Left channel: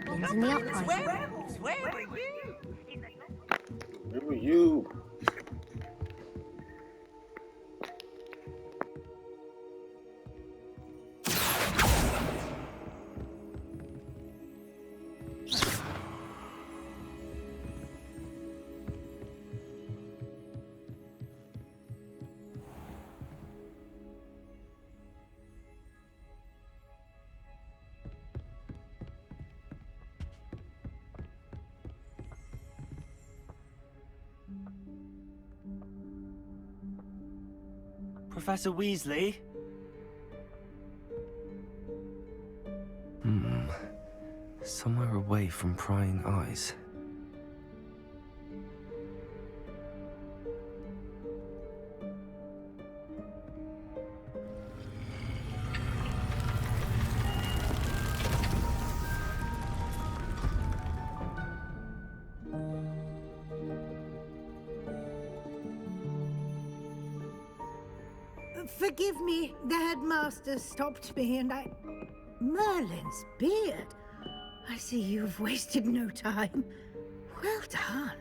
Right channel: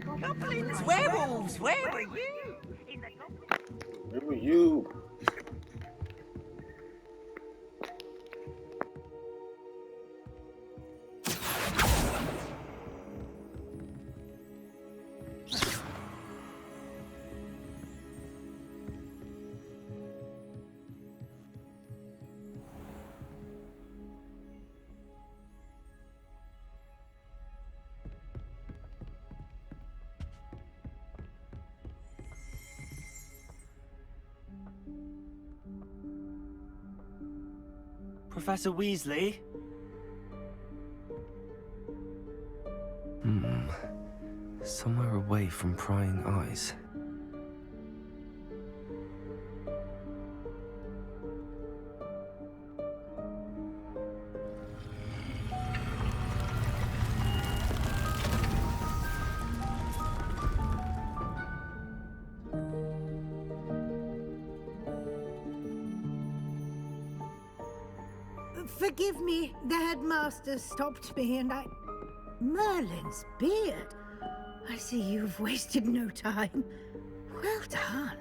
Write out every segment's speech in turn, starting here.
goblins in the upright. Werewolves, where were you? Where were you? Professor Weasley? Somewhere away from prying eyes. Forgive me, the headmaster stopped me and I... Merlin's beard. I see you've wasted no time. Well done.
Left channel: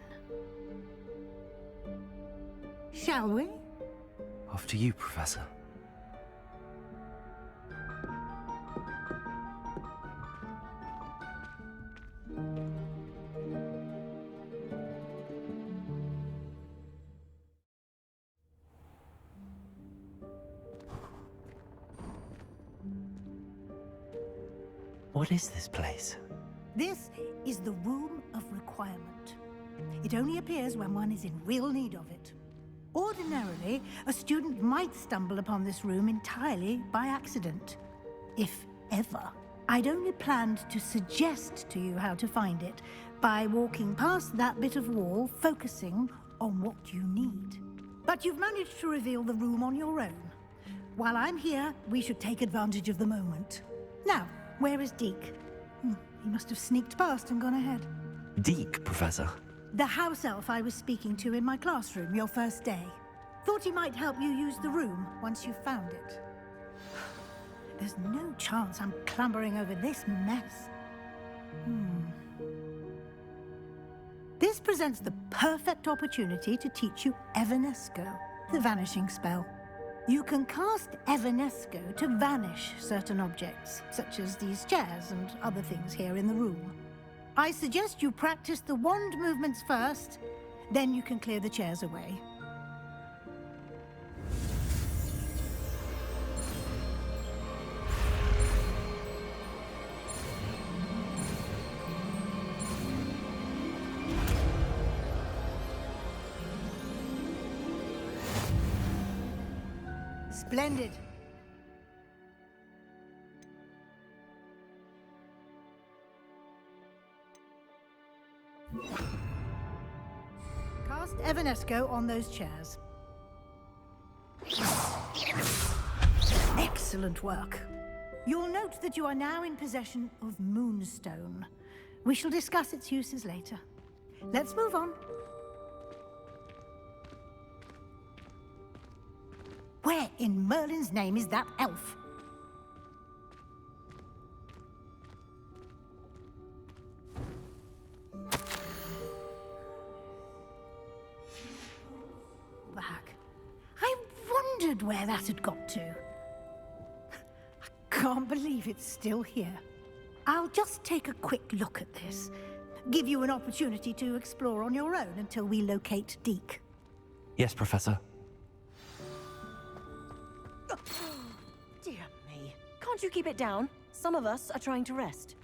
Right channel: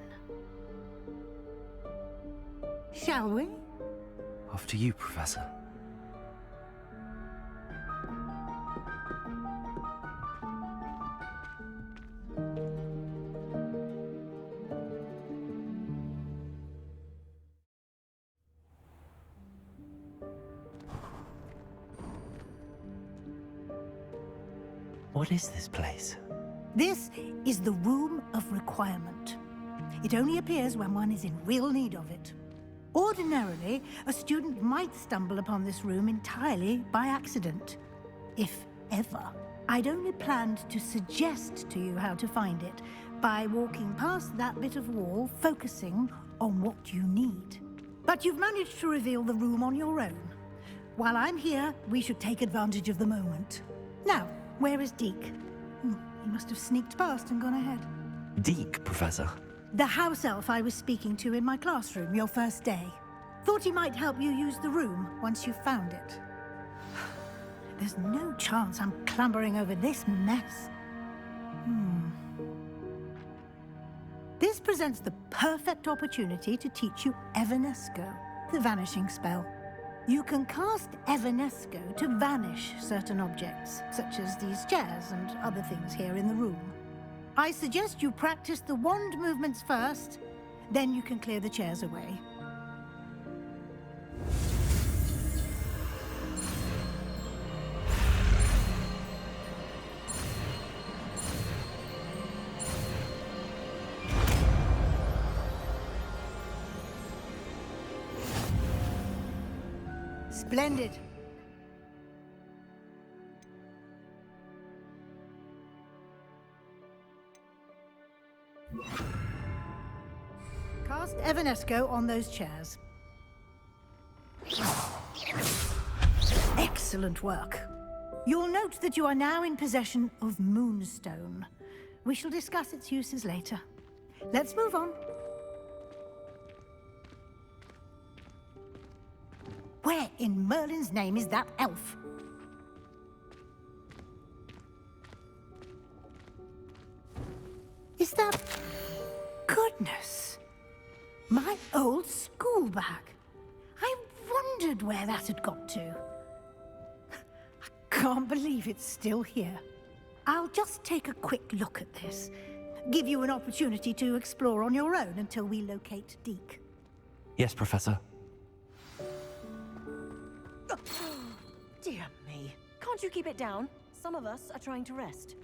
Shall we? After you, Professor. What is this place? This is the Room of Requirement. It only appears when one is in real need of it. Ordinarily, a student might stumble upon this room entirely by accident, if ever. I'd only planned to suggest to you how to find it by walking past that bit of wall, focusing on what you need. But you've managed to reveal the room on your own. While I'm here, we should take advantage of the moment. Now, where is Deke? He must have sneaked past and gone ahead. Deke, Professor. The house elf I was speaking to in my classroom your first day. Thought he might help you use the room once you've found it. There's no chance I'm clambering over this mess. This presents the perfect opportunity to teach you Evanesco, the vanishing spell. You can cast Evanesco to vanish certain objects, such as these chairs and other things here in the room. I suggest you practice the wand movements first, then you can clear the chairs away. Splendid. Cast Evanesco on those chairs. Excellent work. You'll note that you are now in possession of Moonstone. We shall discuss its uses later. Let's move on. Where in Merlin's name is that elf? Is that... Goodness. My old school bag. I wondered where that had got to. I can't believe it's still here. I'll just take a quick look at this. Give you an opportunity to explore on your own until we locate Deke. Yes, Professor. Dear me. Can't you keep it down? Some of us are trying to rest.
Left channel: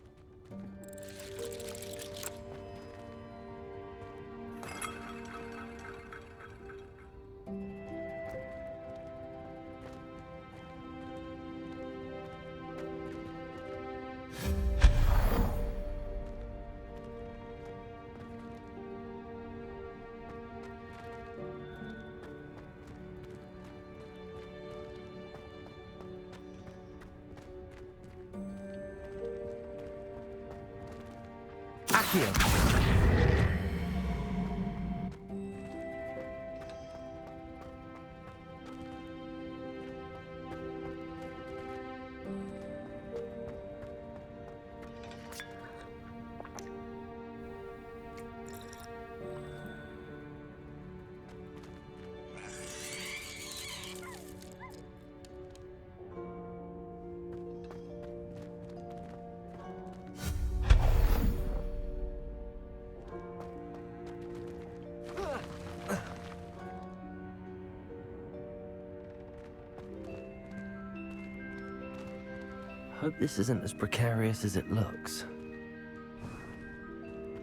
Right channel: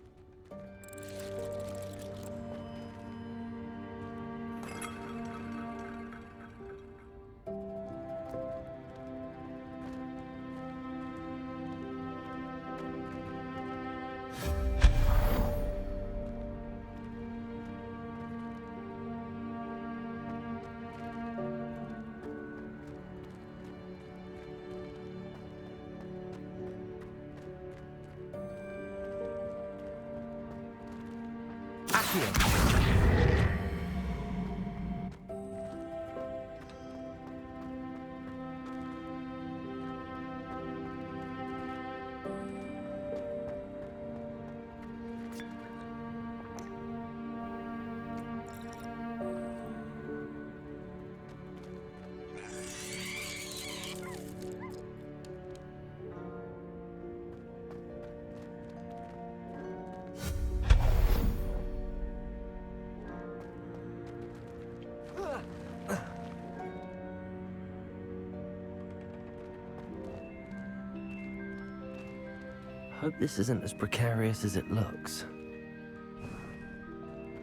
Hope this isn't as precarious as it looks.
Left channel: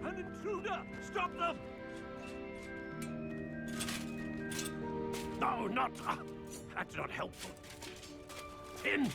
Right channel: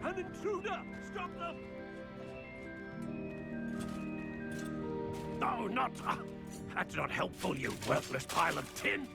An intruder! Stop them! No, not... that's not helpful, you worthless pile of tin!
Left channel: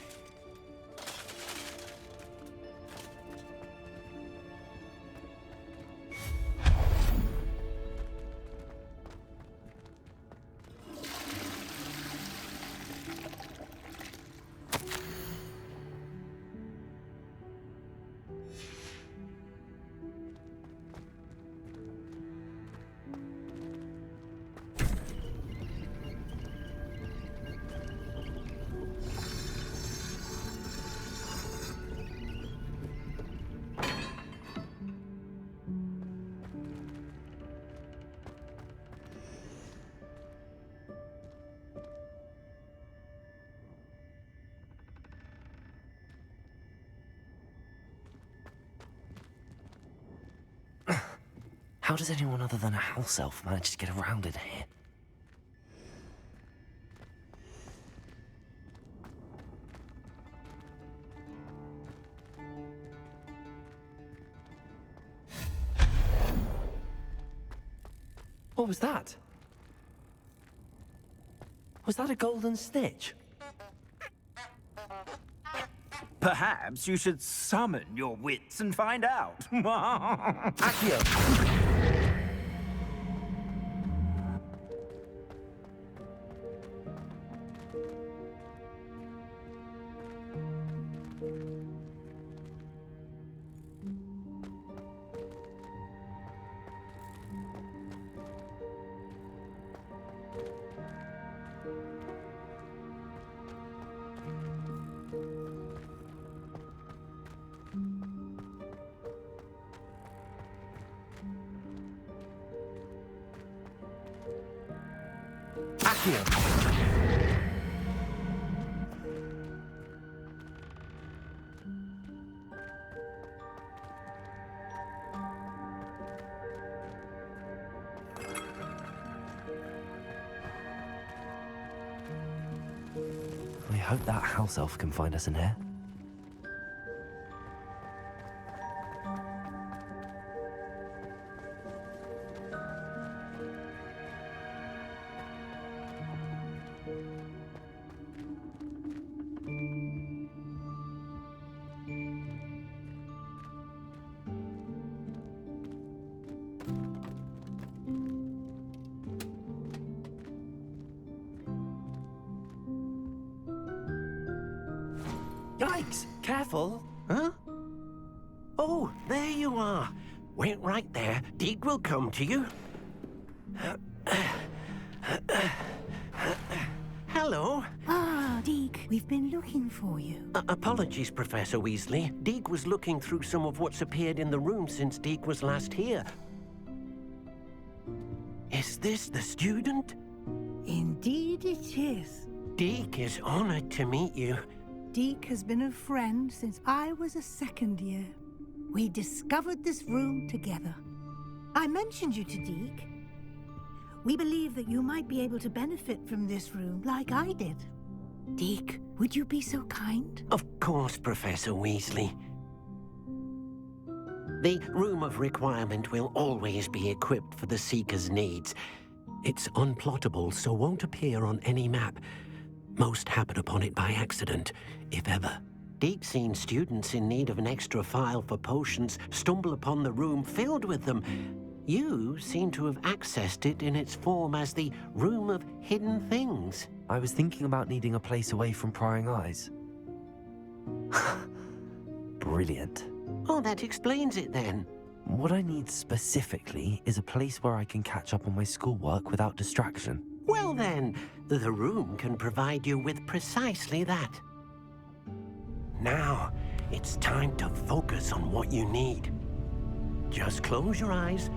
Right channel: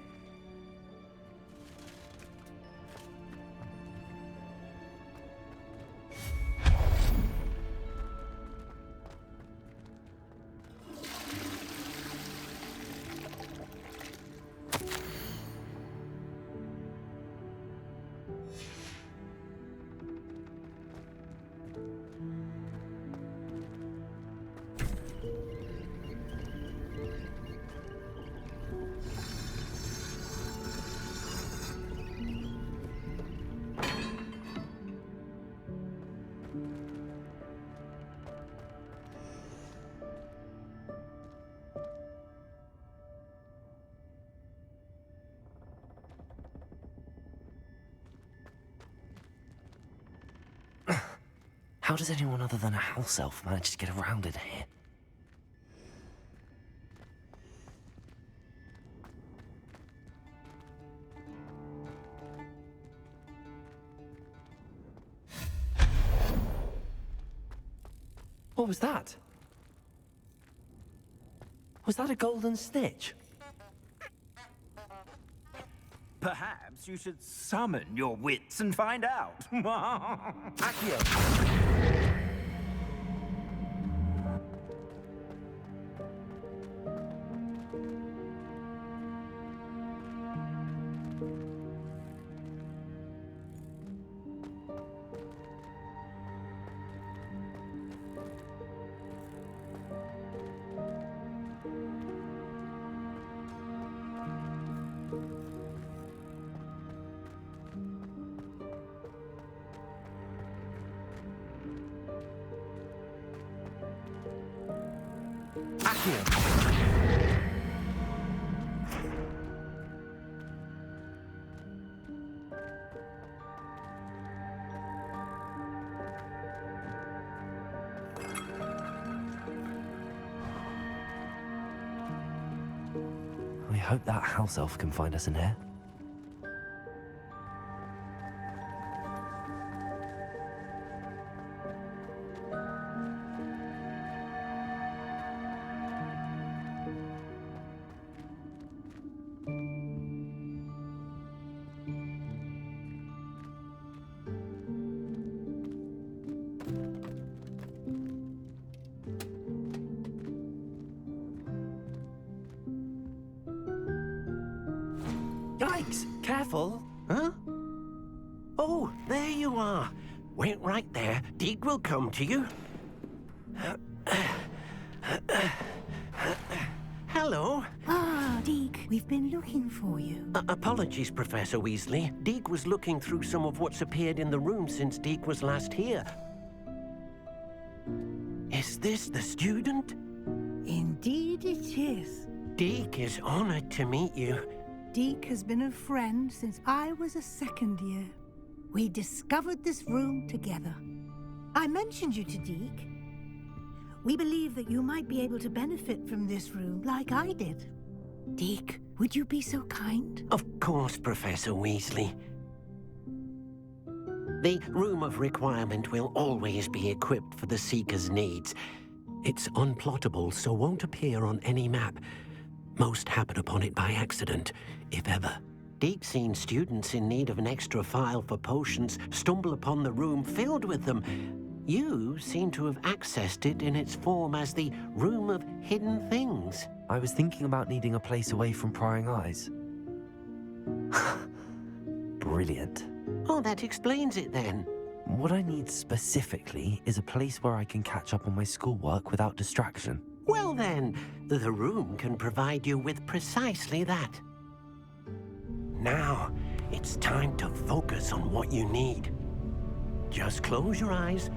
How does anyone other than a house elf manage to get around in here? What was that? Was that a golden snitch? Perhaps you should summon your wits and find out. Accio! I hope that house elf can find us in here. Yikes! Careful! Huh? Oh, there you are. Wait right there. Deke will come to you. Hello. Ah, Deke, we've been looking for you. Apologies, Professor Weasley. Deke was looking through some of what's appeared in the room since Deke was last here. Is this the student? Indeed it is. Deke is honored to meet you. Deke has been a friend since I was a second year. We discovered this room together. I mentioned you to Deke. We believe that you might be able to benefit from this room like I did. Deke, would you be so kind? Of course, Professor Weasley. The Room of Requirement will always be equipped for the Seeker's needs. It's unplottable, so won't appear on any map. Most happen upon it by accident, if ever. Deke's seen students in need of an extra file for potions stumble upon the room filled with them. You seem to have accessed it in its form as the Room of Hidden Things. I was thinking about needing a place away from prying eyes. Brilliant. Oh, that explains it then. What I need specifically is a place where I can catch up on my schoolwork without distraction. Well then, the room can provide you with precisely that. Now, it's time to focus on what you need. Just close your eyes.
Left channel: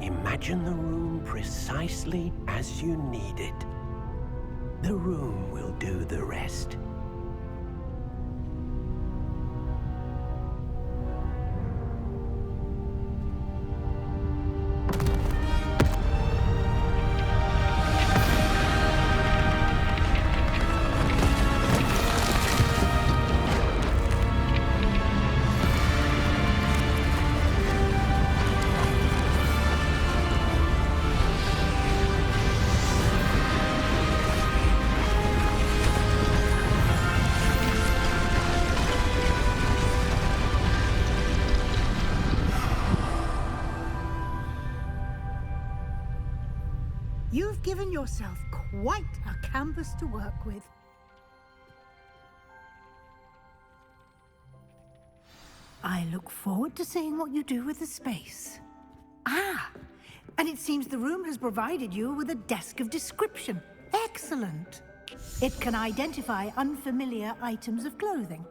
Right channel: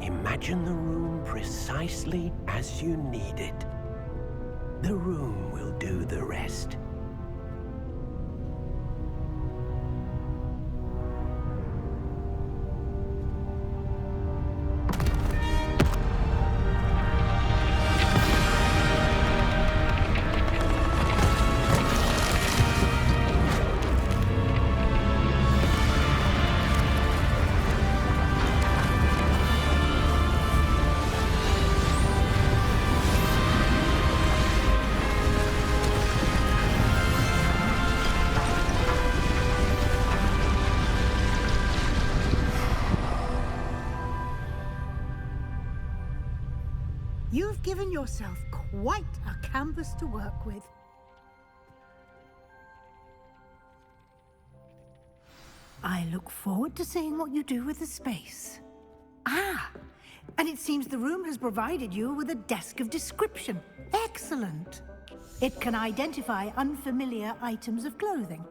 Imagine the room precisely as you need it. The room will do the rest. You've given yourself quite a canvas to work with. I look forward to seeing what you do with the space. Ah, and it seems the room has provided you with a desk of description. Excellent. It can identify unfamiliar items of clothing.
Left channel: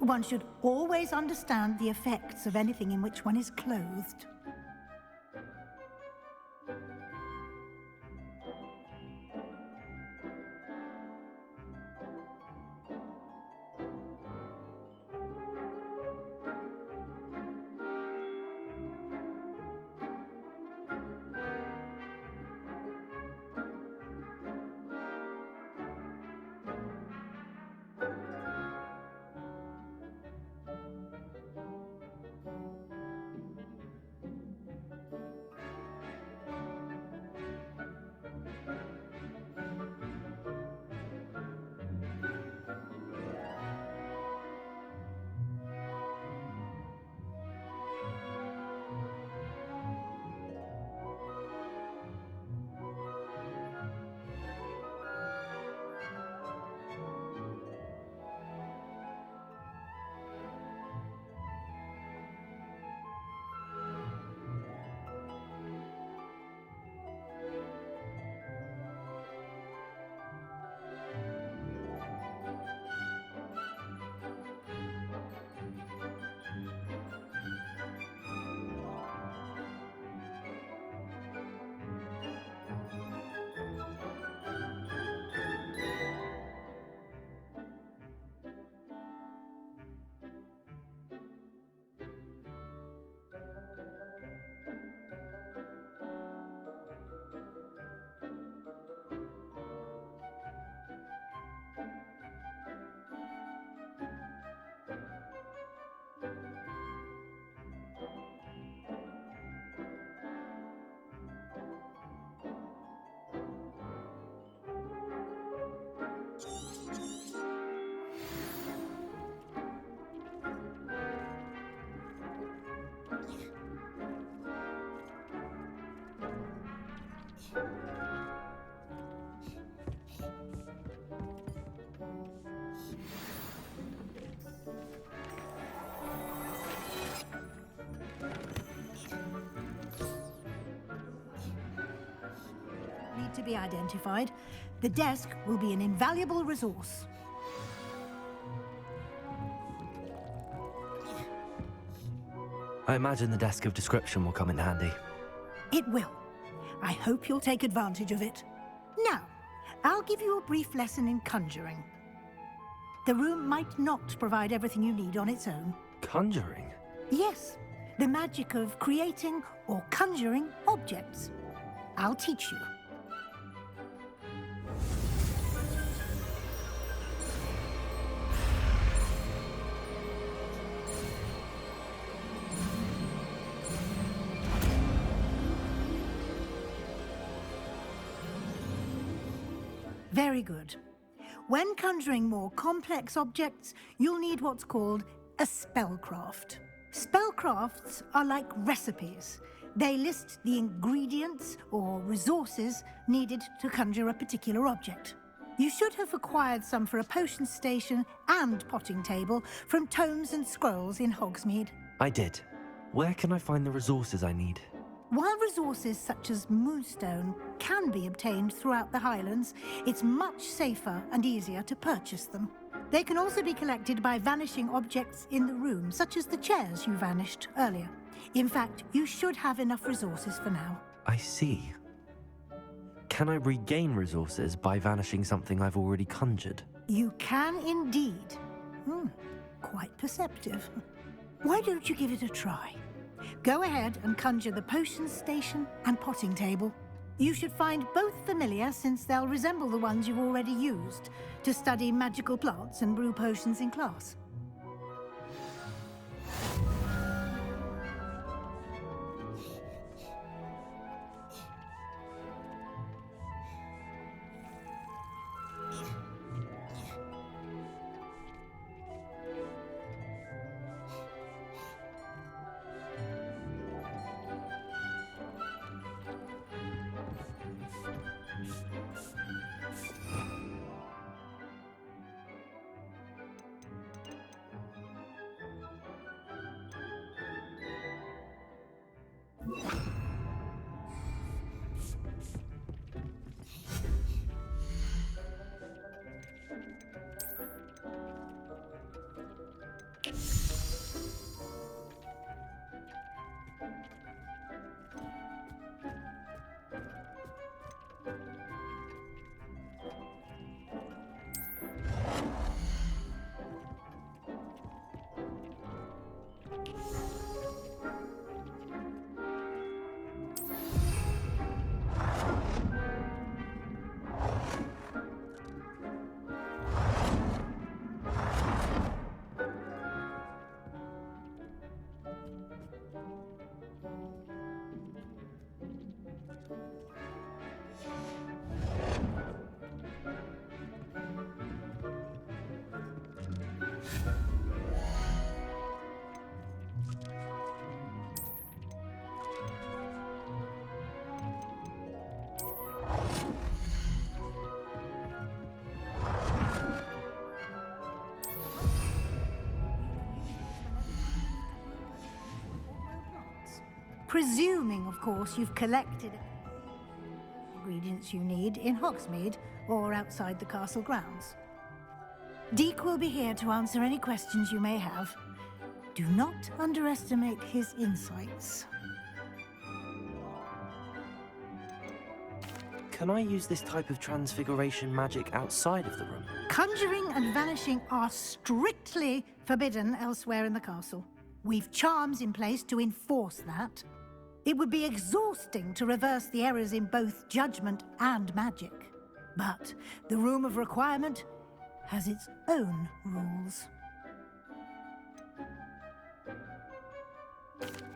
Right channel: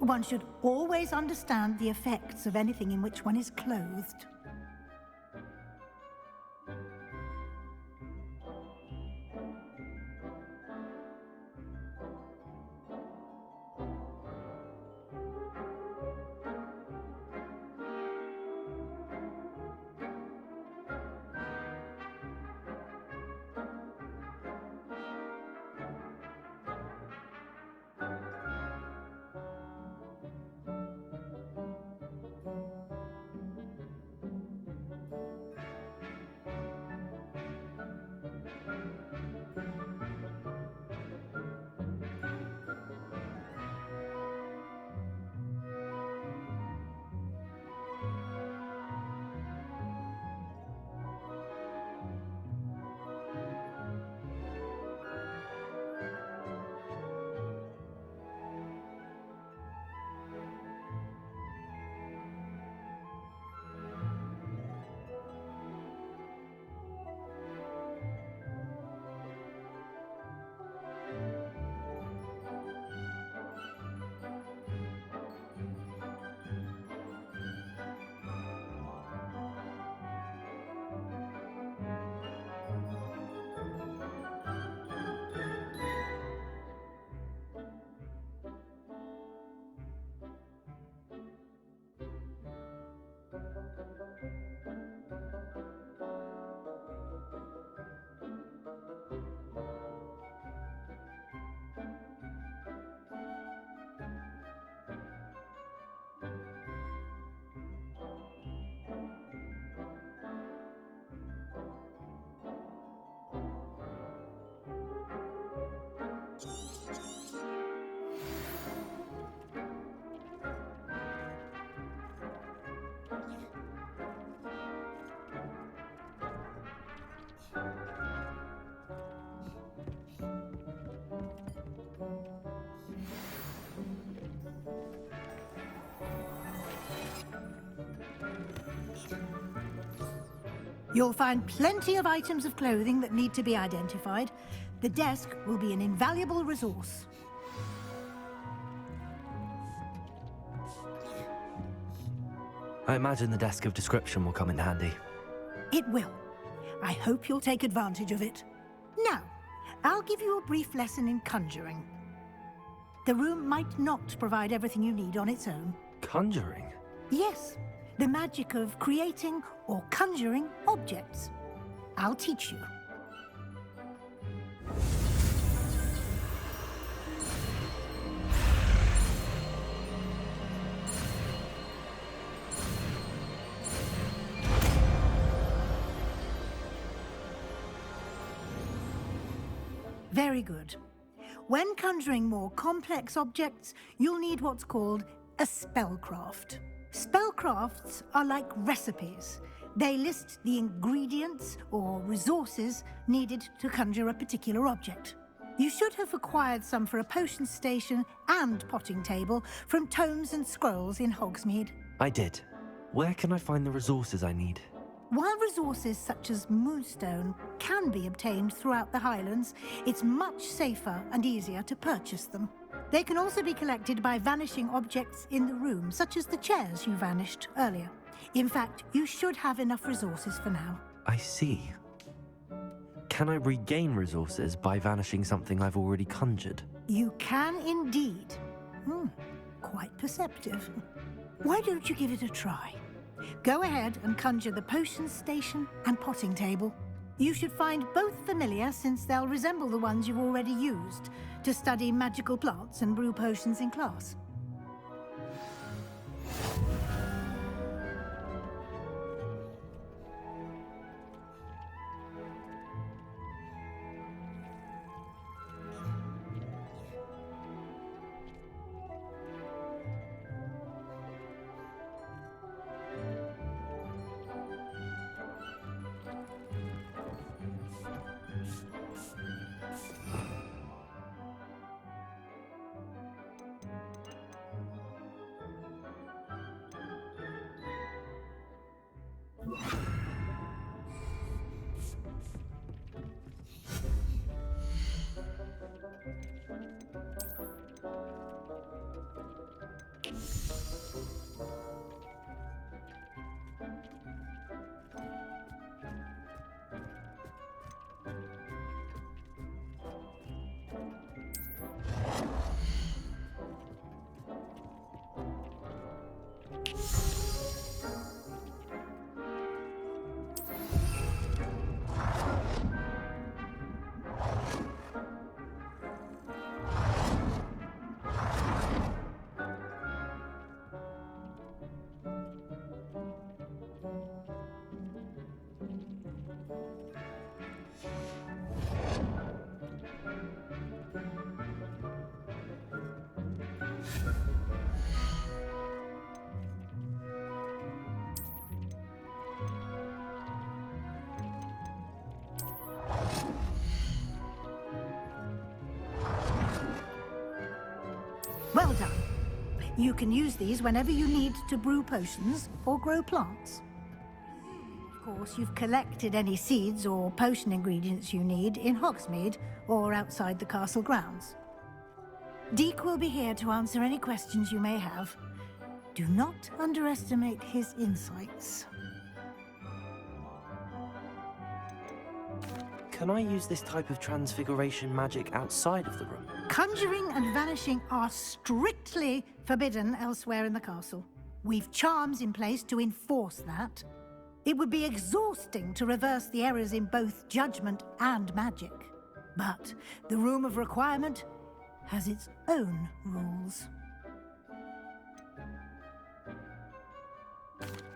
One should always understand the effects of anything in which one is clothed. You'll find plenty of items of clothing that need to be identified. The desk will be an invaluable resource. I imagine the desk of description will come in handy. It will. I hope you'll take advantage of it. Now, I'll give you a brief lesson in conjuring. The room might not provide everything you need on its own. Conjuring? Yes, the magic of creating or conjuring objects. I'll teach you. Very good. When conjuring more complex objects, you'll need what's called a spellcraft. Spellcrafts are like recipes. They list the ingredients or resources needed to conjure a particular object. You should have acquired some for a potion station and potting table from tomes and scrolls in Hogsmeade. I did. Where can I find the resources I need? While resources such as moonstone can be obtained throughout the Highlands, it's much safer and easier to purchase them. They can also be collected by vanishing objects in the room, such as the chairs you vanished earlier. In fact, you should have enough resources for now. I see. Can I regain resources by vanishing something I've already conjured? You can indeed. Quite perceptive. Why don't you give it a try? Go ahead and conjure the potion station and potting table. You should find both familiar, since they'll resemble the ones you've already used to study magical plants and brew potions in class. Well done. You can use these whenever you need to brew potions or grow plants. Presuming, of course, you've collected any seeds or potion ingredients you need in Hogsmeade or outside the castle grounds. Deek will be here to answer any questions you may have. Do not underestimate his insights. Can I use this type of transfiguration magic outside of the room? Conjuring and vanishing are strictly forbidden elsewhere in the castle. We've charms in place to enforce that. It would be exhausting to reverse the errors in both judgment and magic. But the Room of Requirement has its own rules.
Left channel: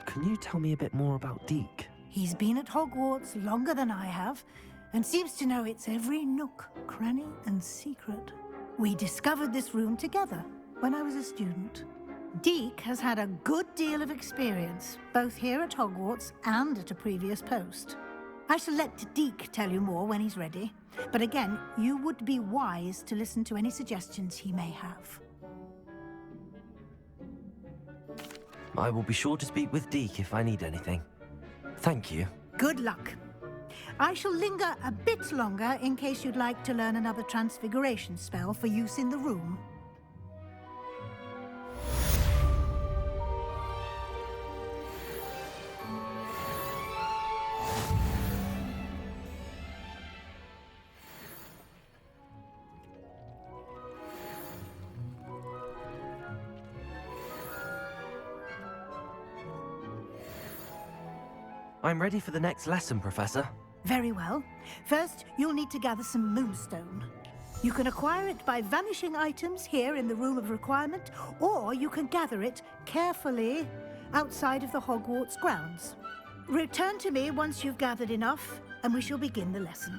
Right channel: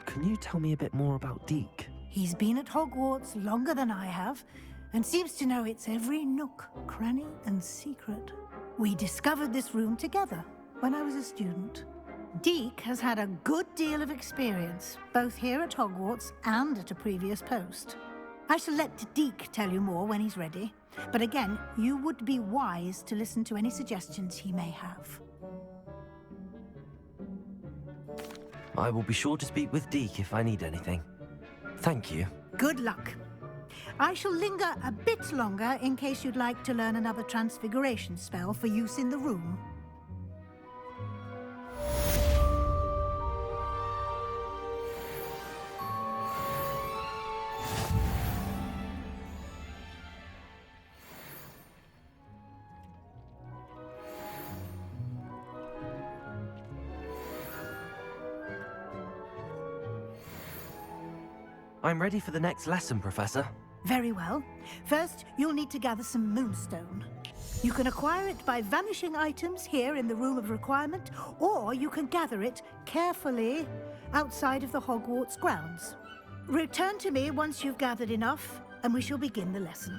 Can you tell me a bit more about Deek? He's been at Hogwarts longer than I have, and seems to know its every nook, cranny, and secret. We discovered this room together when I was a student. Deek has had a good deal of experience, both here at Hogwarts and at a previous post. I shall let Deek tell you more when he's ready, but again, you would be wise to listen to any suggestions he may have. I will be sure to speak with Deek if I need anything. Thank you. Good luck. I shall linger a bit longer in case you'd like to learn another transfiguration spell for use in the room. I'm ready for the next lesson, Professor. Very well. First, you'll need to gather some moonstone. You can acquire it by vanishing items here in the Room of Requirement, or you can gather it carefully outside of the Hogwarts grounds. Return to me once you've gathered enough, and we shall begin the lesson.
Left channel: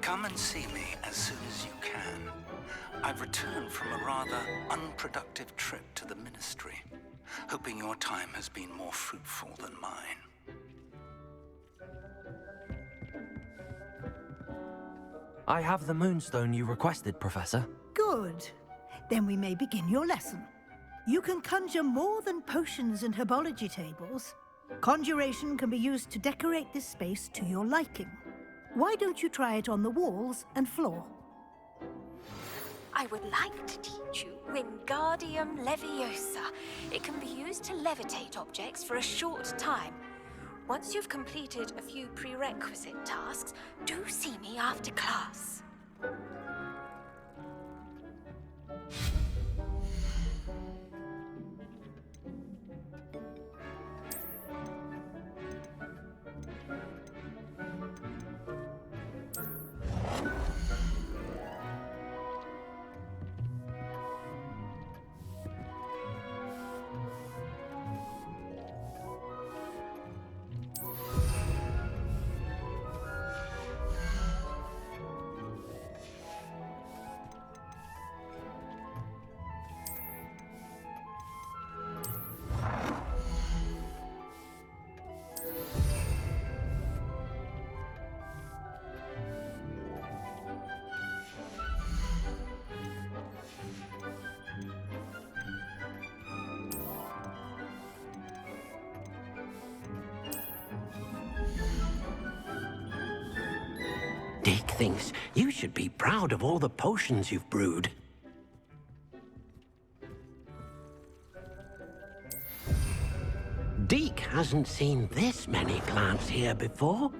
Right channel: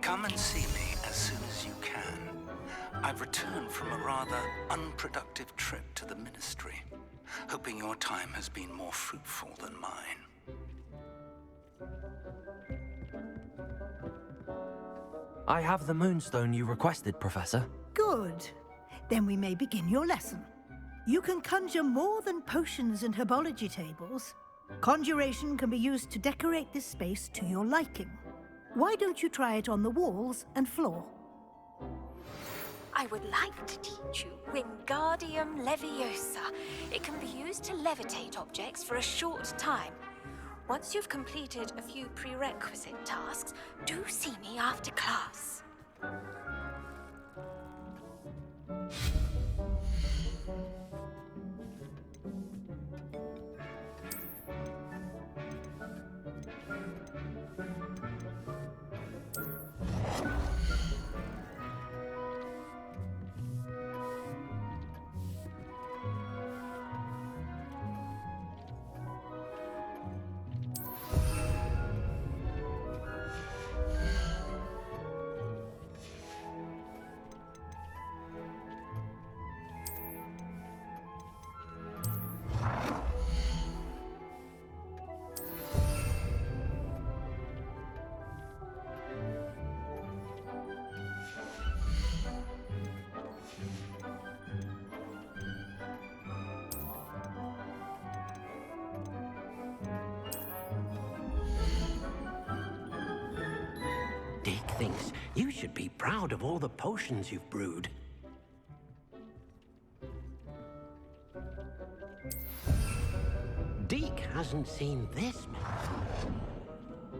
Come and see me as soon as you can. I've returned from a rather unproductive trip to the Ministry, hoping your time has been more fruitful than mine. I have the moonstone you requested, Professor. Good. Then we may begin your lesson. You can conjure more than potions and herbology tables. Conjuration can be used to decorate this space to your liking. Why don't you try it on the walls and floor? I would like to teach you Wingardium Leviosa. It can be used to levitate objects for a short time. Once you've completed a few prerequisite tasks, do see me after class. Deek thinks you should be proud of all the potions you've brewed. Deek hasn't seen this many plants here before.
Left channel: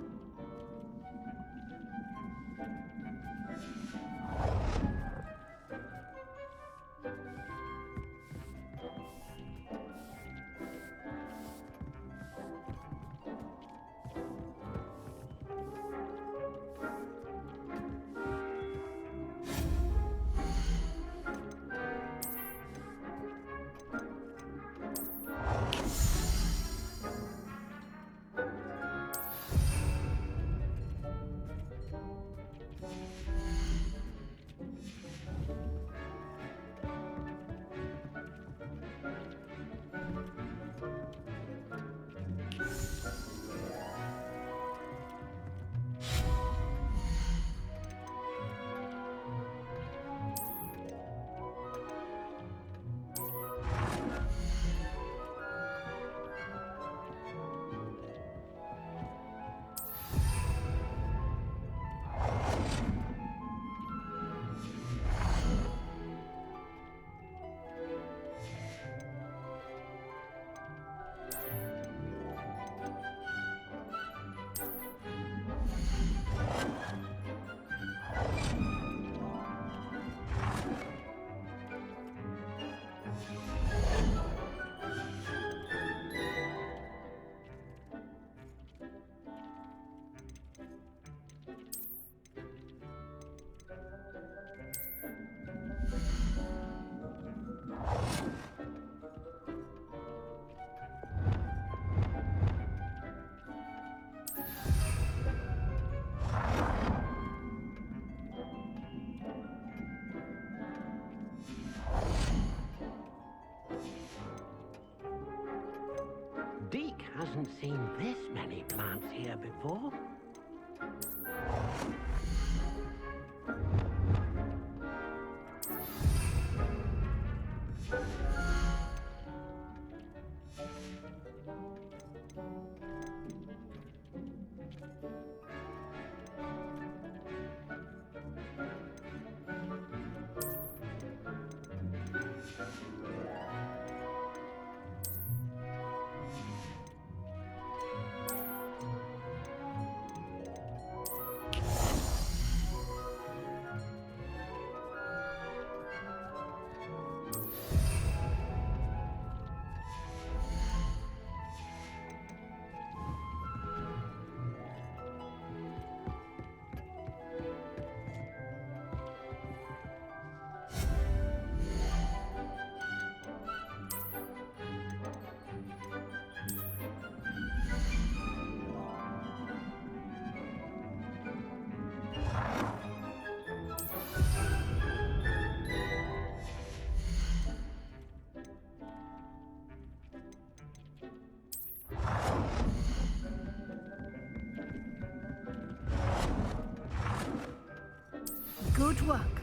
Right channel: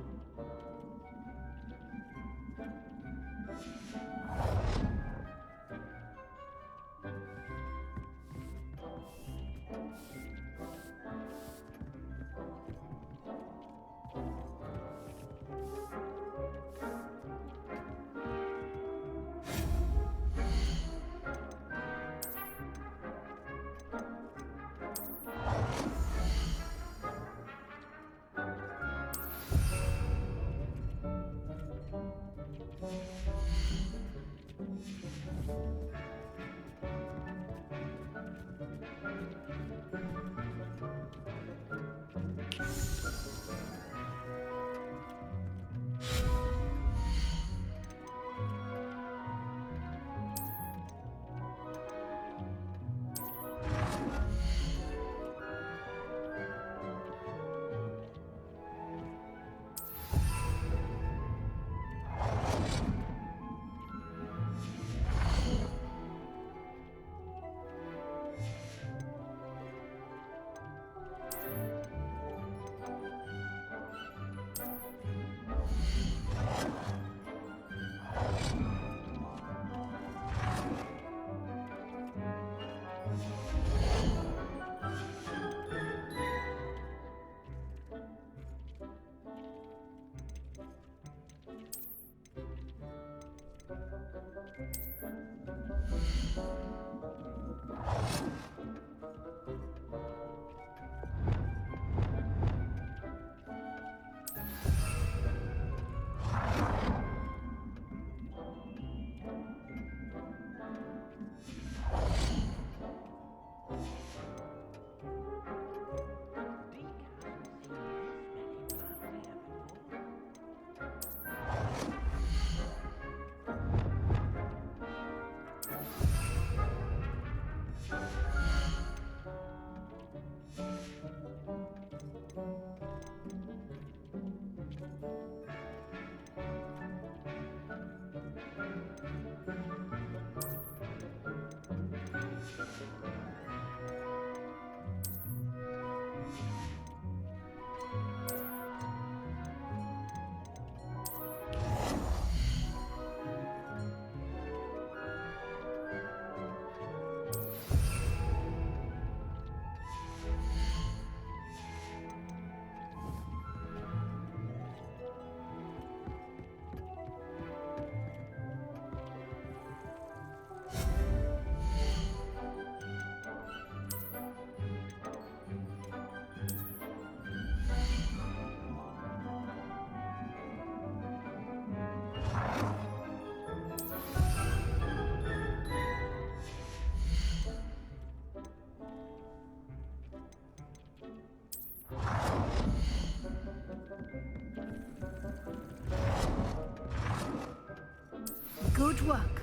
Good work.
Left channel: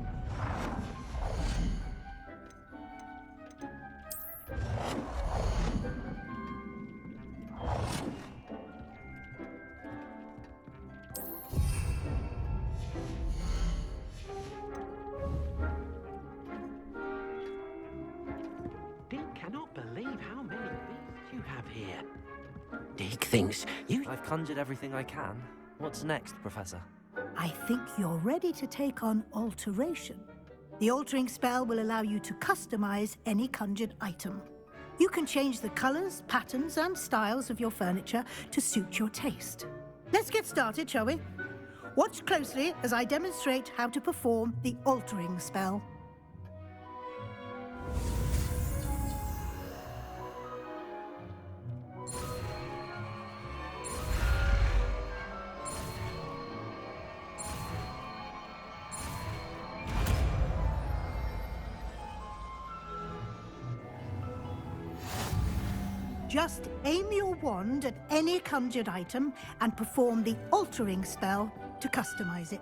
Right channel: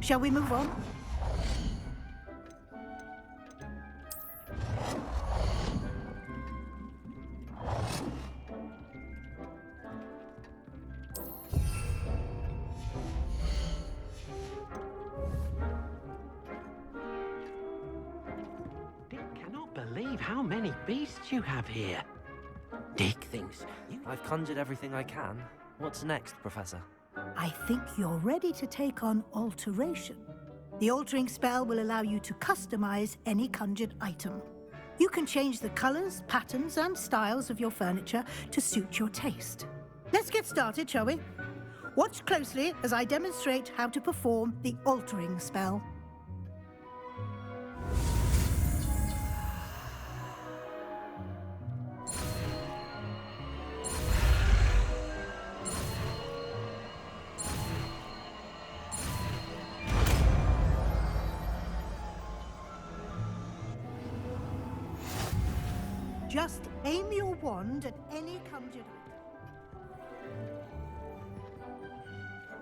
Shall we move on? Dick cannot believe how many beasts you have here. Dick thinks you... I've conjured everything I can. What's next, Professor? I think you're ready to take on alteration. The altering spell will allow you to customize any conjured item. You can change the colors, patterns, and styles of your furniture to suit your taste. Let's get started, shall we? Watch closely as I demonstrate how to perform the altering spell. Just aim your wand at any conjured item and perform the altering spell to customize it.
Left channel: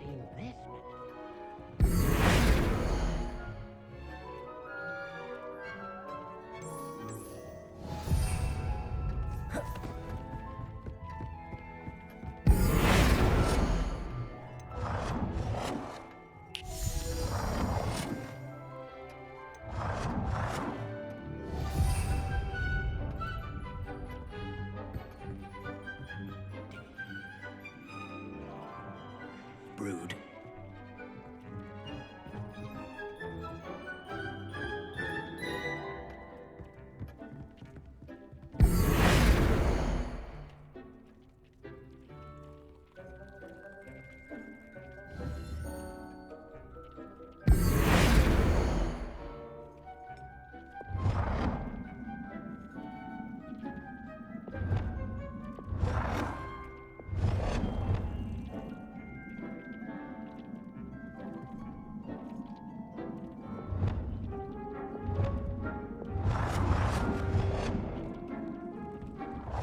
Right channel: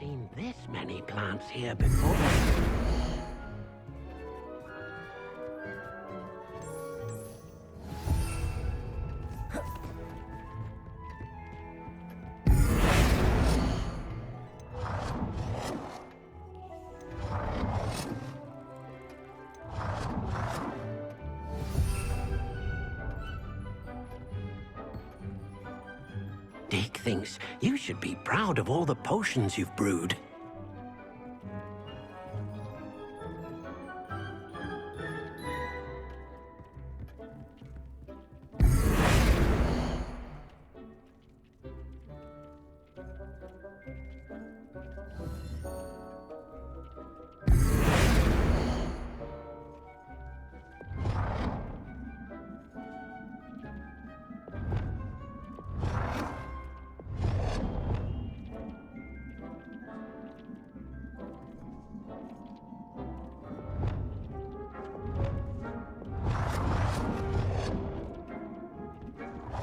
Seen this many plants here before. Dick thinks you should be proud of all the potions you've brewed.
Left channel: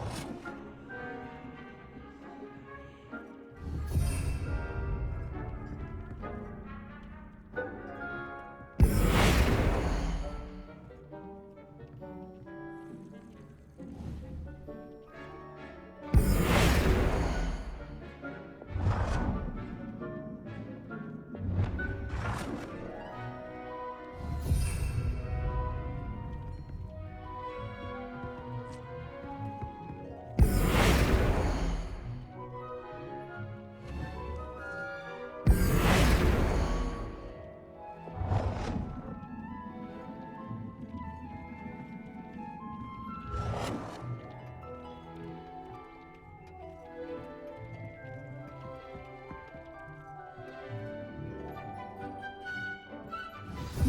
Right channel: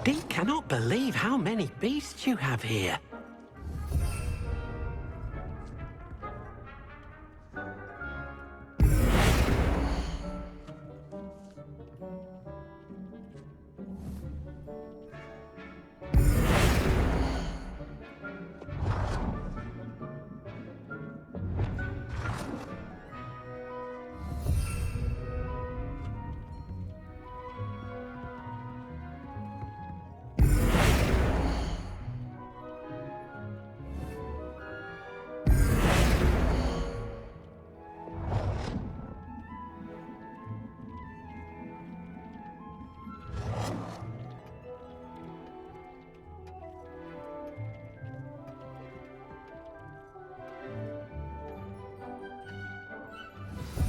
Dick cannot believe how many beasts you have here.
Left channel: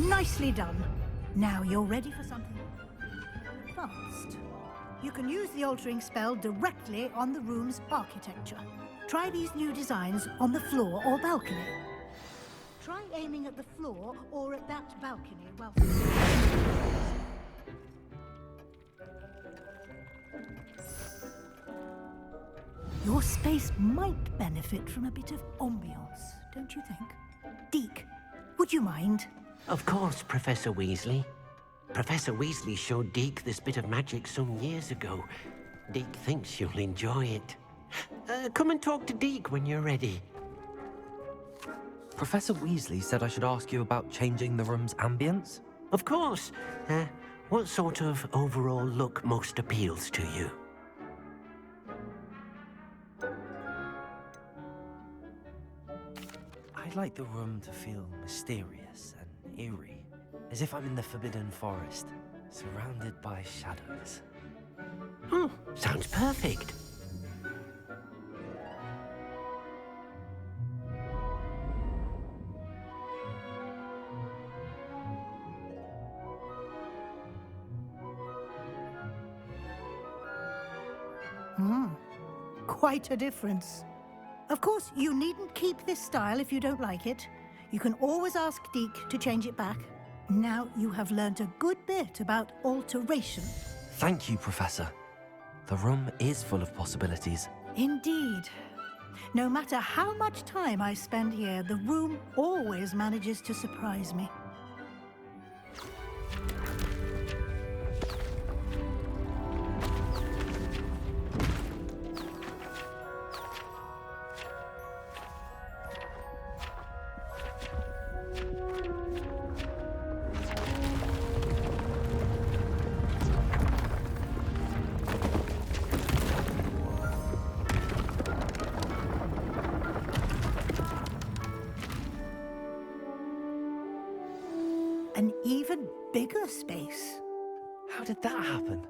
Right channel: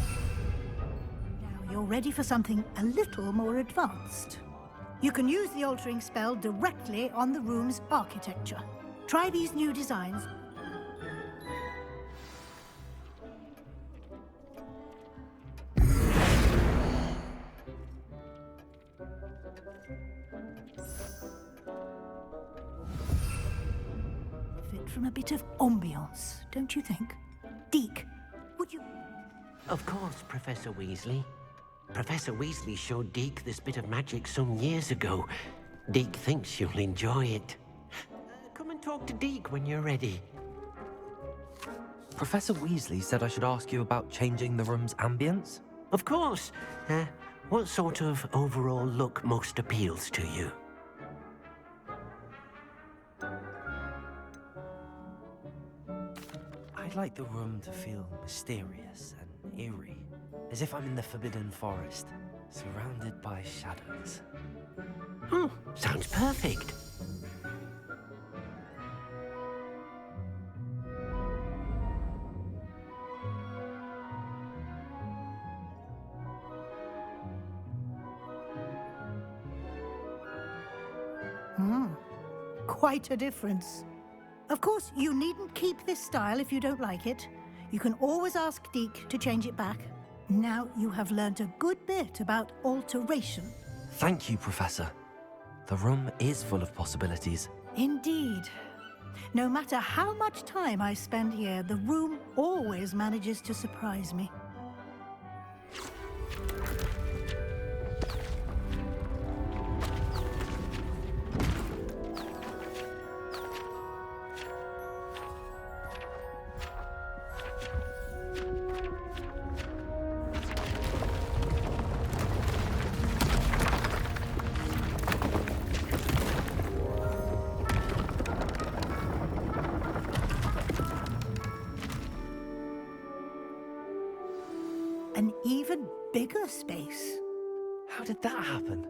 Nicely done. Now you're ready for something a little more advanced. You can use the altering spell directly on the room's architecture. Try these new designs on the floor or balcony. Try aiming at the floor or at that balcony while... Your space might benefit from a bit of ambiance, don't you think? Deke, would you mind? Of course, Professor Weasley. Professor Weasley showed Deke this bit of magic some years ago. Deke thinks you'll enjoy it. Come and talk to Deke when you're ready. Professor Weasley said I should ask you about changing the room's ambience? Of course. What sort of overall look most appeals to you? I'd like the room to feel mysterious and eerie, as if I'm in the Forbidden Forest, surrounded by shadows. Oh, sounds perfect. Quite a difference. Of course, you needn't keep this style if you don't like it. You can always ask Deke to change it back. Now you have learnt a good bit about alteration. Thank you, Professor. The room is full of possibilities. Indeed. No matter how much time I spend here, the room always manages to surprise me. An even bigger space. How did that happen?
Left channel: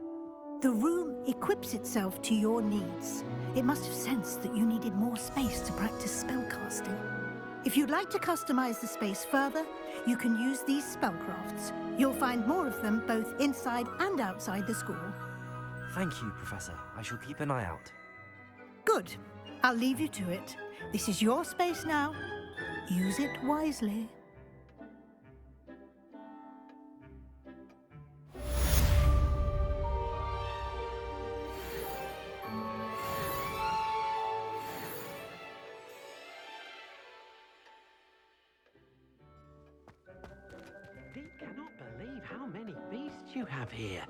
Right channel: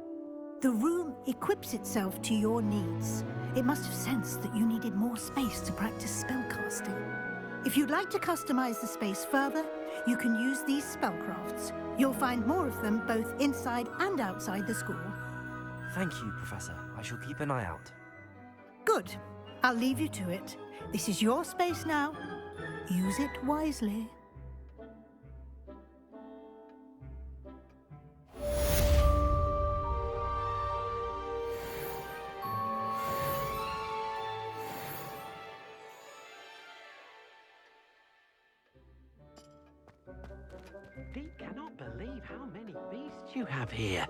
The room equips itself to your needs. It must have sensed that you needed more space to practice spellcasting. If you'd like to customize the space further, you can use these spellcrafts. You'll find more of them both inside and outside the school. Thank you, Professor. I shall keep an eye out. Good. I'll leave you to it. This is your space now. Use it wisely. Deke cannot believe how many beasts you have here.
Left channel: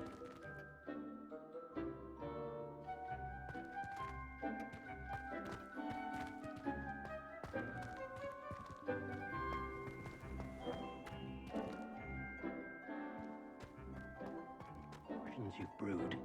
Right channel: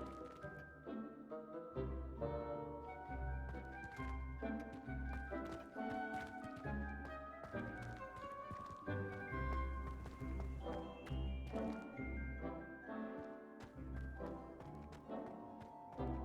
Dragons you've brewed.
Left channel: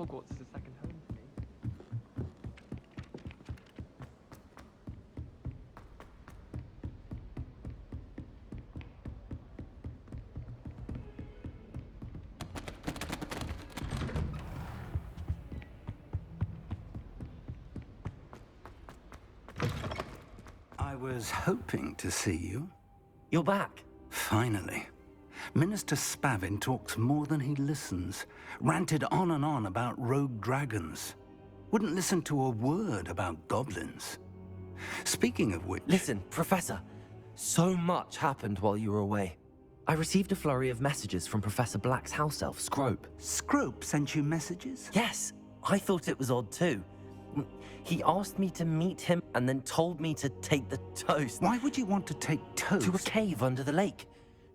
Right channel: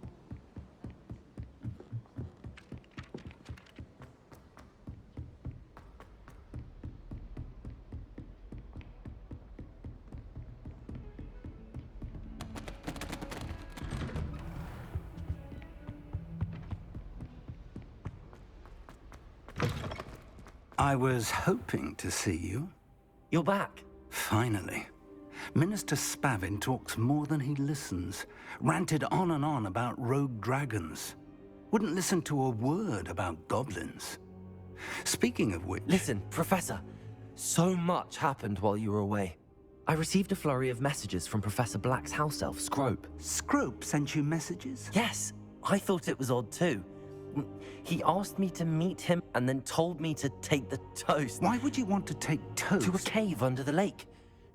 Hogwarts is a second home to me. I was hoping to see you. You're back. Finally. Minister Spavin talks more than he listens. Ranted on and on about rogue dragons. Wouldn't listen to a word about goblins. Speaking of which... Listen, Professor. So much happened while you were away. I received a flurry of messages from Professor Black's house elf, Scrope. Scrope sent you messages? Yes. I thought it was odd too. He asked me to meet him and then told me to take the toast. Why would you want to take toast? To a cave under the lake.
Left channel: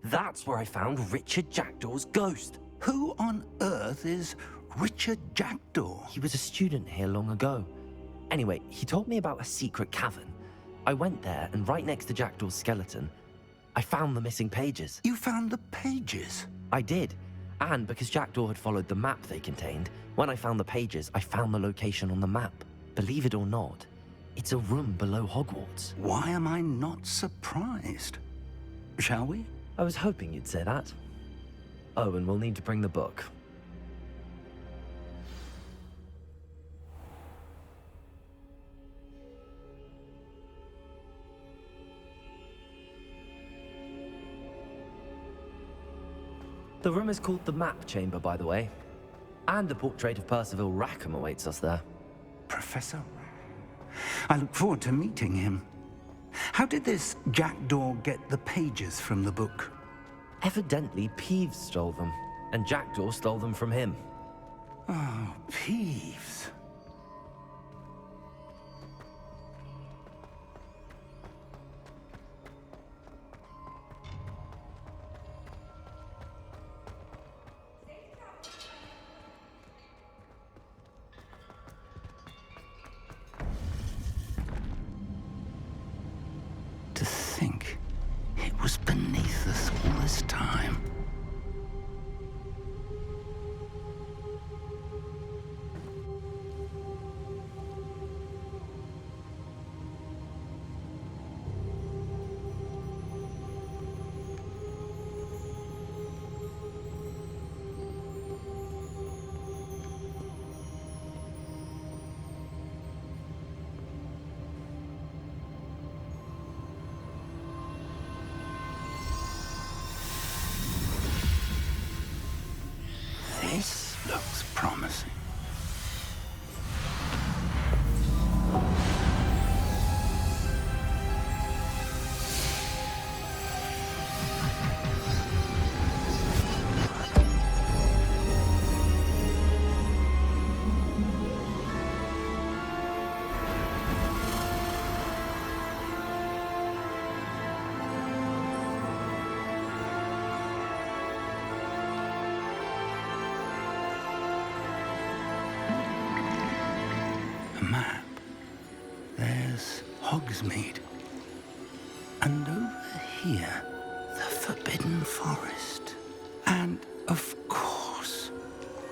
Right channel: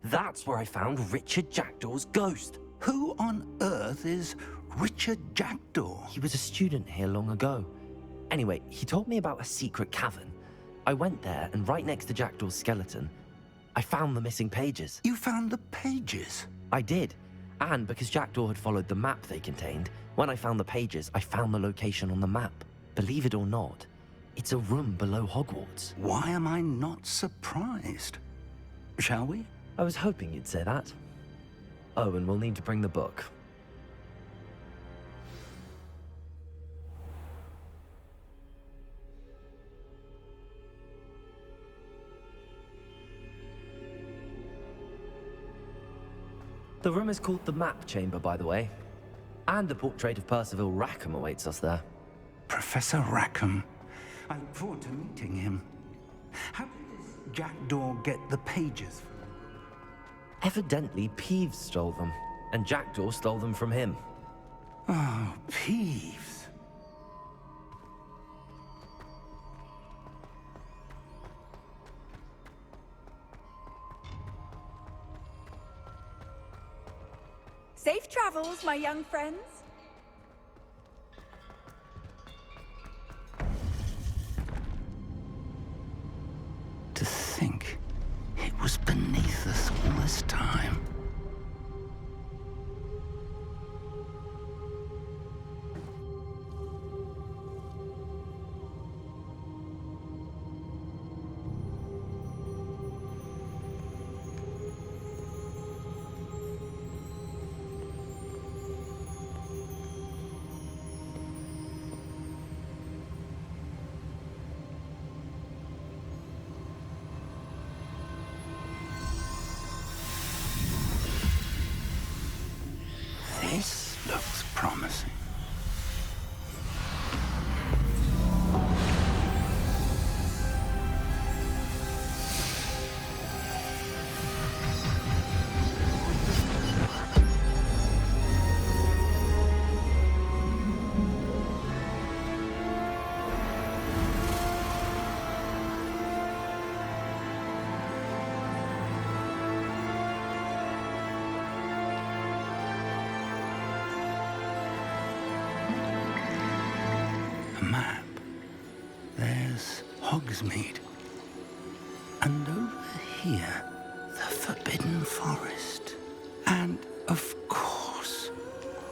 That's where I found Richard Jackdaw's ghost. Who on earth is Richard Jackdaw? He was a student here long ago. Anyway, he told me about a secret cavern. I went there, and right next to Jackdaw's skeleton, I found the missing pages. You found the pages? I did. And because Jackdaw had followed the map they contained, when I found the pages, I found the location on the map. Believe it or not, it's a room below Hogwarts. Why am I not surprised? Shall we? I was hoping you'd say that. Oh, and we'll need to bring the book. The room is called the Map Chamber, by the way. And the portrait of Percival Rackham awaits us there. Professor Rackham. I look forward to meeting him. How did this Jackdaw get the pages from the book? Evidently, Peeves stole them, and Jackdaw stole them from him. Oh, Peeves. Safe travels, my young friends. To think it was beneath us all this time. This looks promising. A map. There's Hogsmeade. And over here, the Forbidden Forest. And, of course,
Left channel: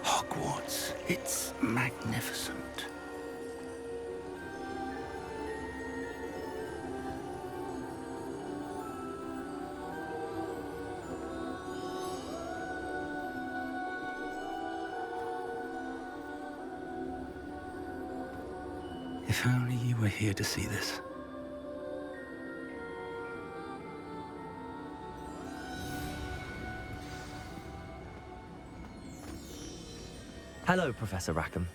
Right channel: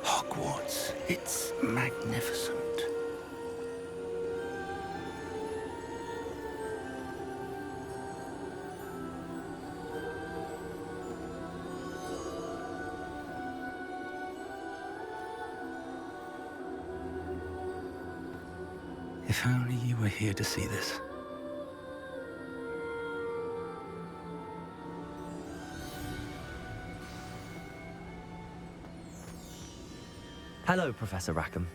Hogwarts. It's magnificent. If only you were here to see this. Hello, Professor Rackham.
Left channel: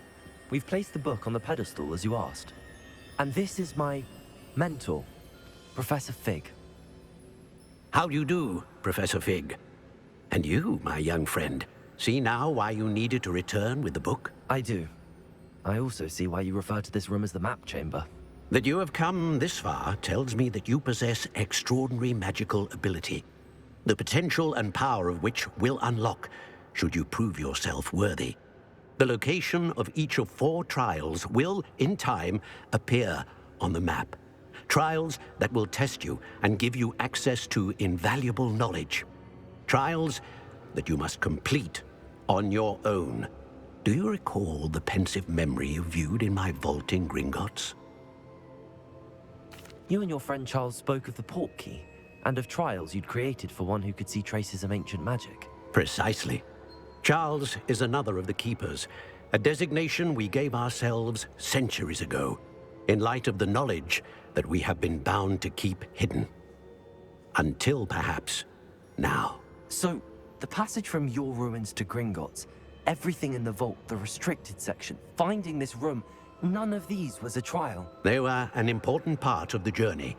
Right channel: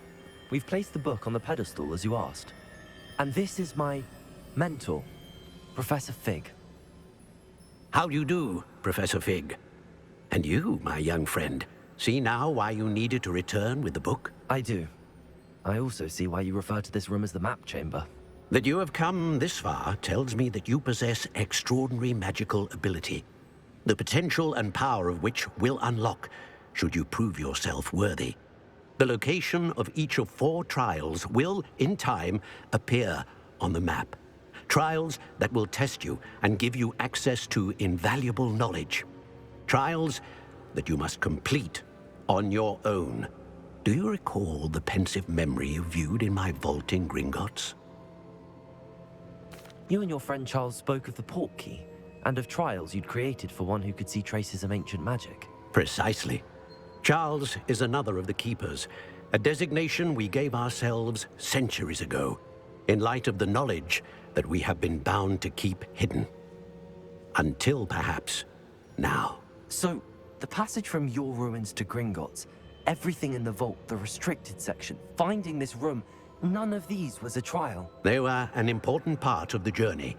We've placed the book on the pedestal as you asked. And this is my mentor, Professor Fig. How do you do, Professor Fig? And you, my young friend, see now why you needed to return with the book? I do. I also see why you refer to this room as the Map Chamber. That you have come this far tells me that you possess extraordinary magical ability, the potential and power of which will unlock should you prove yourself worthy. The location of each of 4 trials will, in time, appear on the map. Trials that will test you and give you access to invaluable knowledge. Trials that you must complete on your own. Do you recall the pensive memory you viewed in my vault in Gringotts? You and your friend Charles spoke of the Portkey, and of trials you'd created for one who could see traces of ancient magic. Precisely. Charles is another of the Keepers, a designation we gave ourselves centuries ago, in light of the knowledge that we have been bound to keep hidden. Until, perhaps, now. So, the passage from your ruins to Gringotts, everything in the vault, the restricted section, finding this room, none of these was a trial. They were an important part of the journey,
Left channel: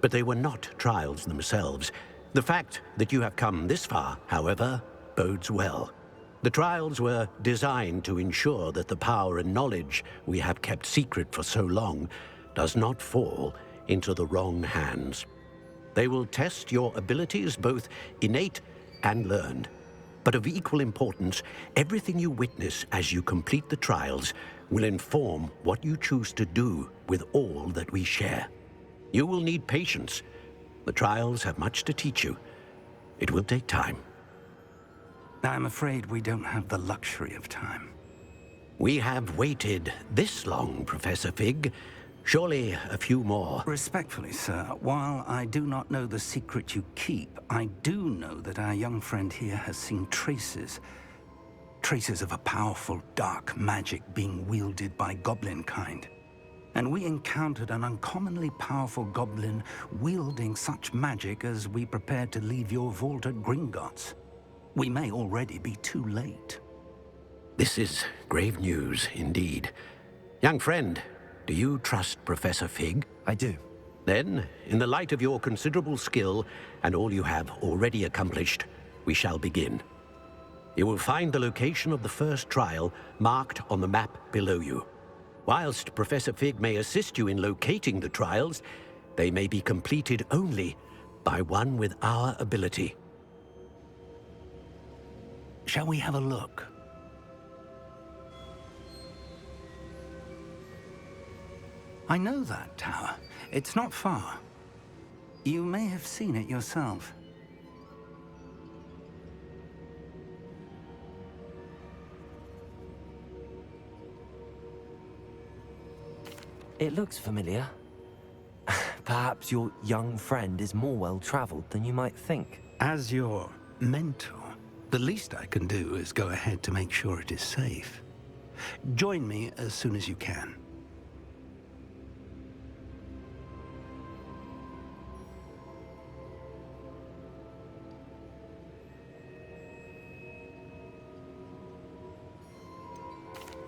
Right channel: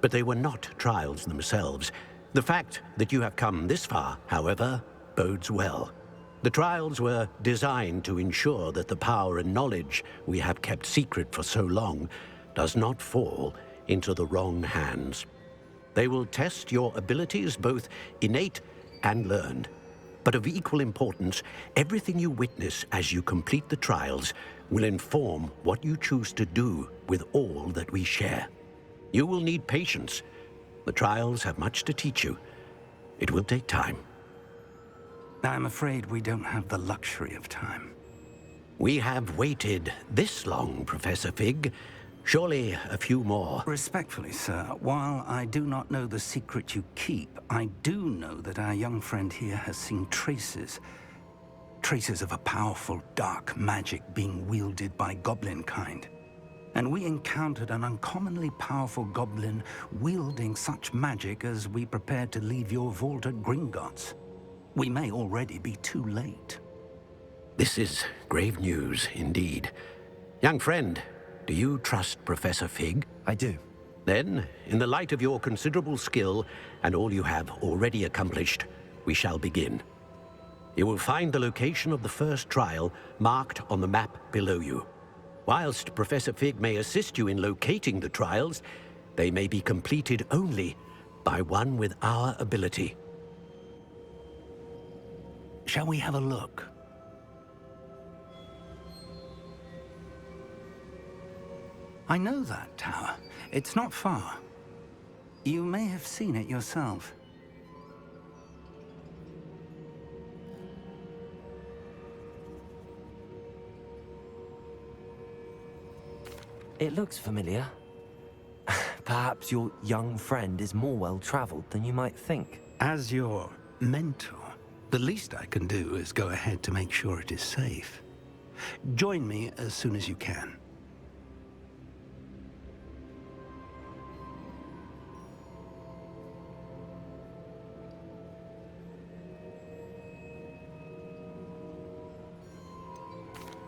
but they were not trials themselves. The fact that you have come this far, however, bodes well. The trials were designed to ensure that the power and knowledge we have kept secret for so long does not fall into the wrong hands. They will test your abilities, both innate and learned. But of equal importance, everything you witness as you complete the trials will inform what you choose to do with all that we share. You will need patience. The trials have much to teach you. It will take time. I'm afraid we don't have the luxury of time. We have waited this long, Professor Fig. Surely a few more. Respectfully, sir, while I do not know the secret you keep, I do know that our young friend here has seen traces of a powerful dark magic being wielded by goblin kind. And we encountered an uncommonly powerful goblin wielding such magic as we prepared to leave your vault at Gringotts. We may already be too late. This is grave news indeed. Young friend, do you trust Professor Fig? I do. Then, in the light of your considerable skill and all you have already accomplished, we shall begin. You will find the location of the first trial marked on the map below you. Whilst Professor Fig may assist you in locating the trials, they may be completed only by one with our ability. Shall we have a look? I know that tower. It's not far. You may have seen it yourself. It looks familiar. Perhaps your young friend is more well-traveled than you might think. As your mentor, the least I can do is go ahead to make sure it is safe. Join me as soon as you can.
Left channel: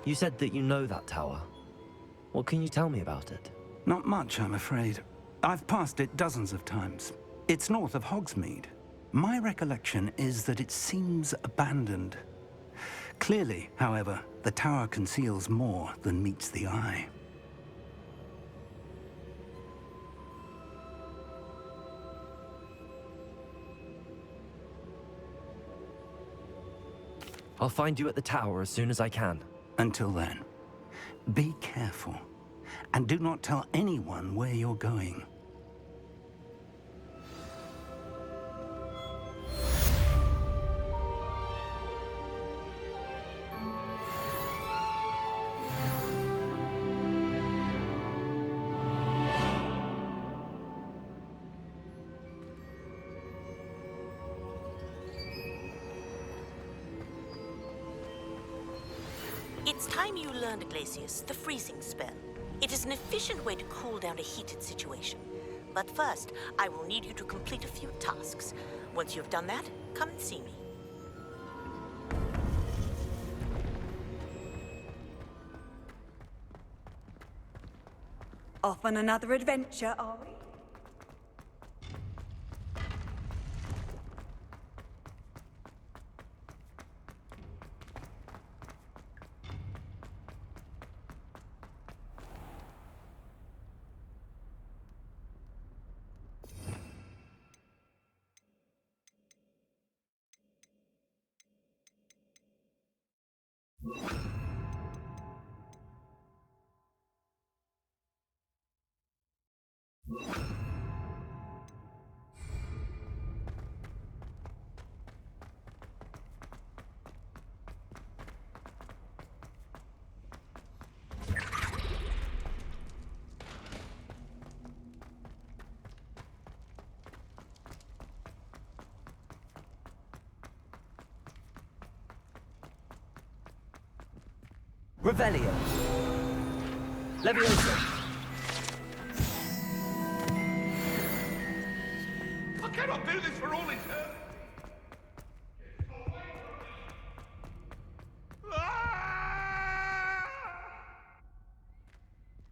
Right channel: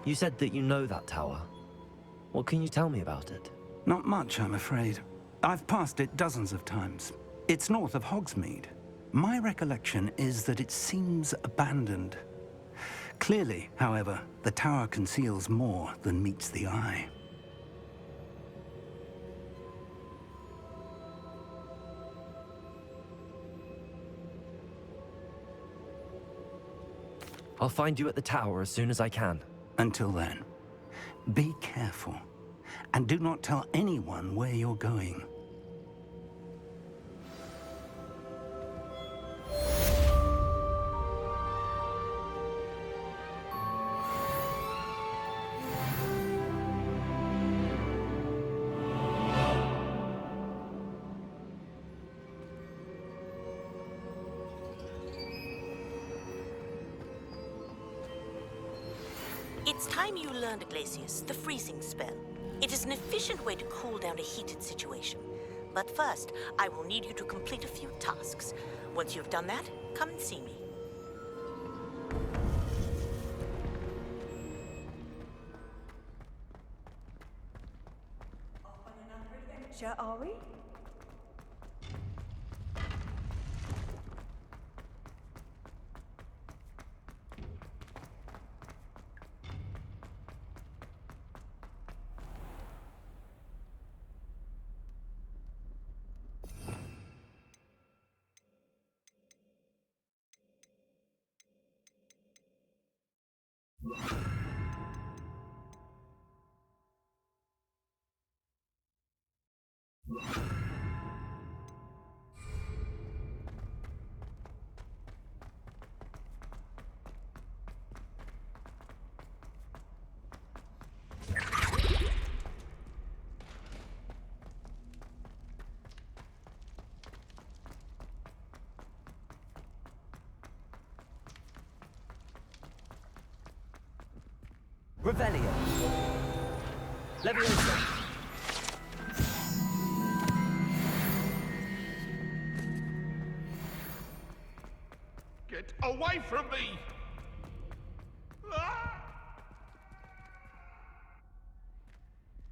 You said that you know that tower. What can you tell me about it? Not much, I'm afraid. I've passed it dozens of times. It's north of Hogsmeade. My recollection is that it seems abandoned. Clearly, however, the tower conceals more than meets the eye. I'll find you at the tower as soon as I can. Until then, be careful, and do not tell anyone where you're going. It's time you learned, Glacius, the freezing spell. It is an efficient way to cool down a heated situation. But first, I will need you to complete a few tasks. Once you've done that, come and see me. Off on another adventure, are we? Revelio. Leviosa. I cannot do this for all eternity. Get away from me!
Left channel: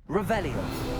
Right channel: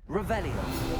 Revelio.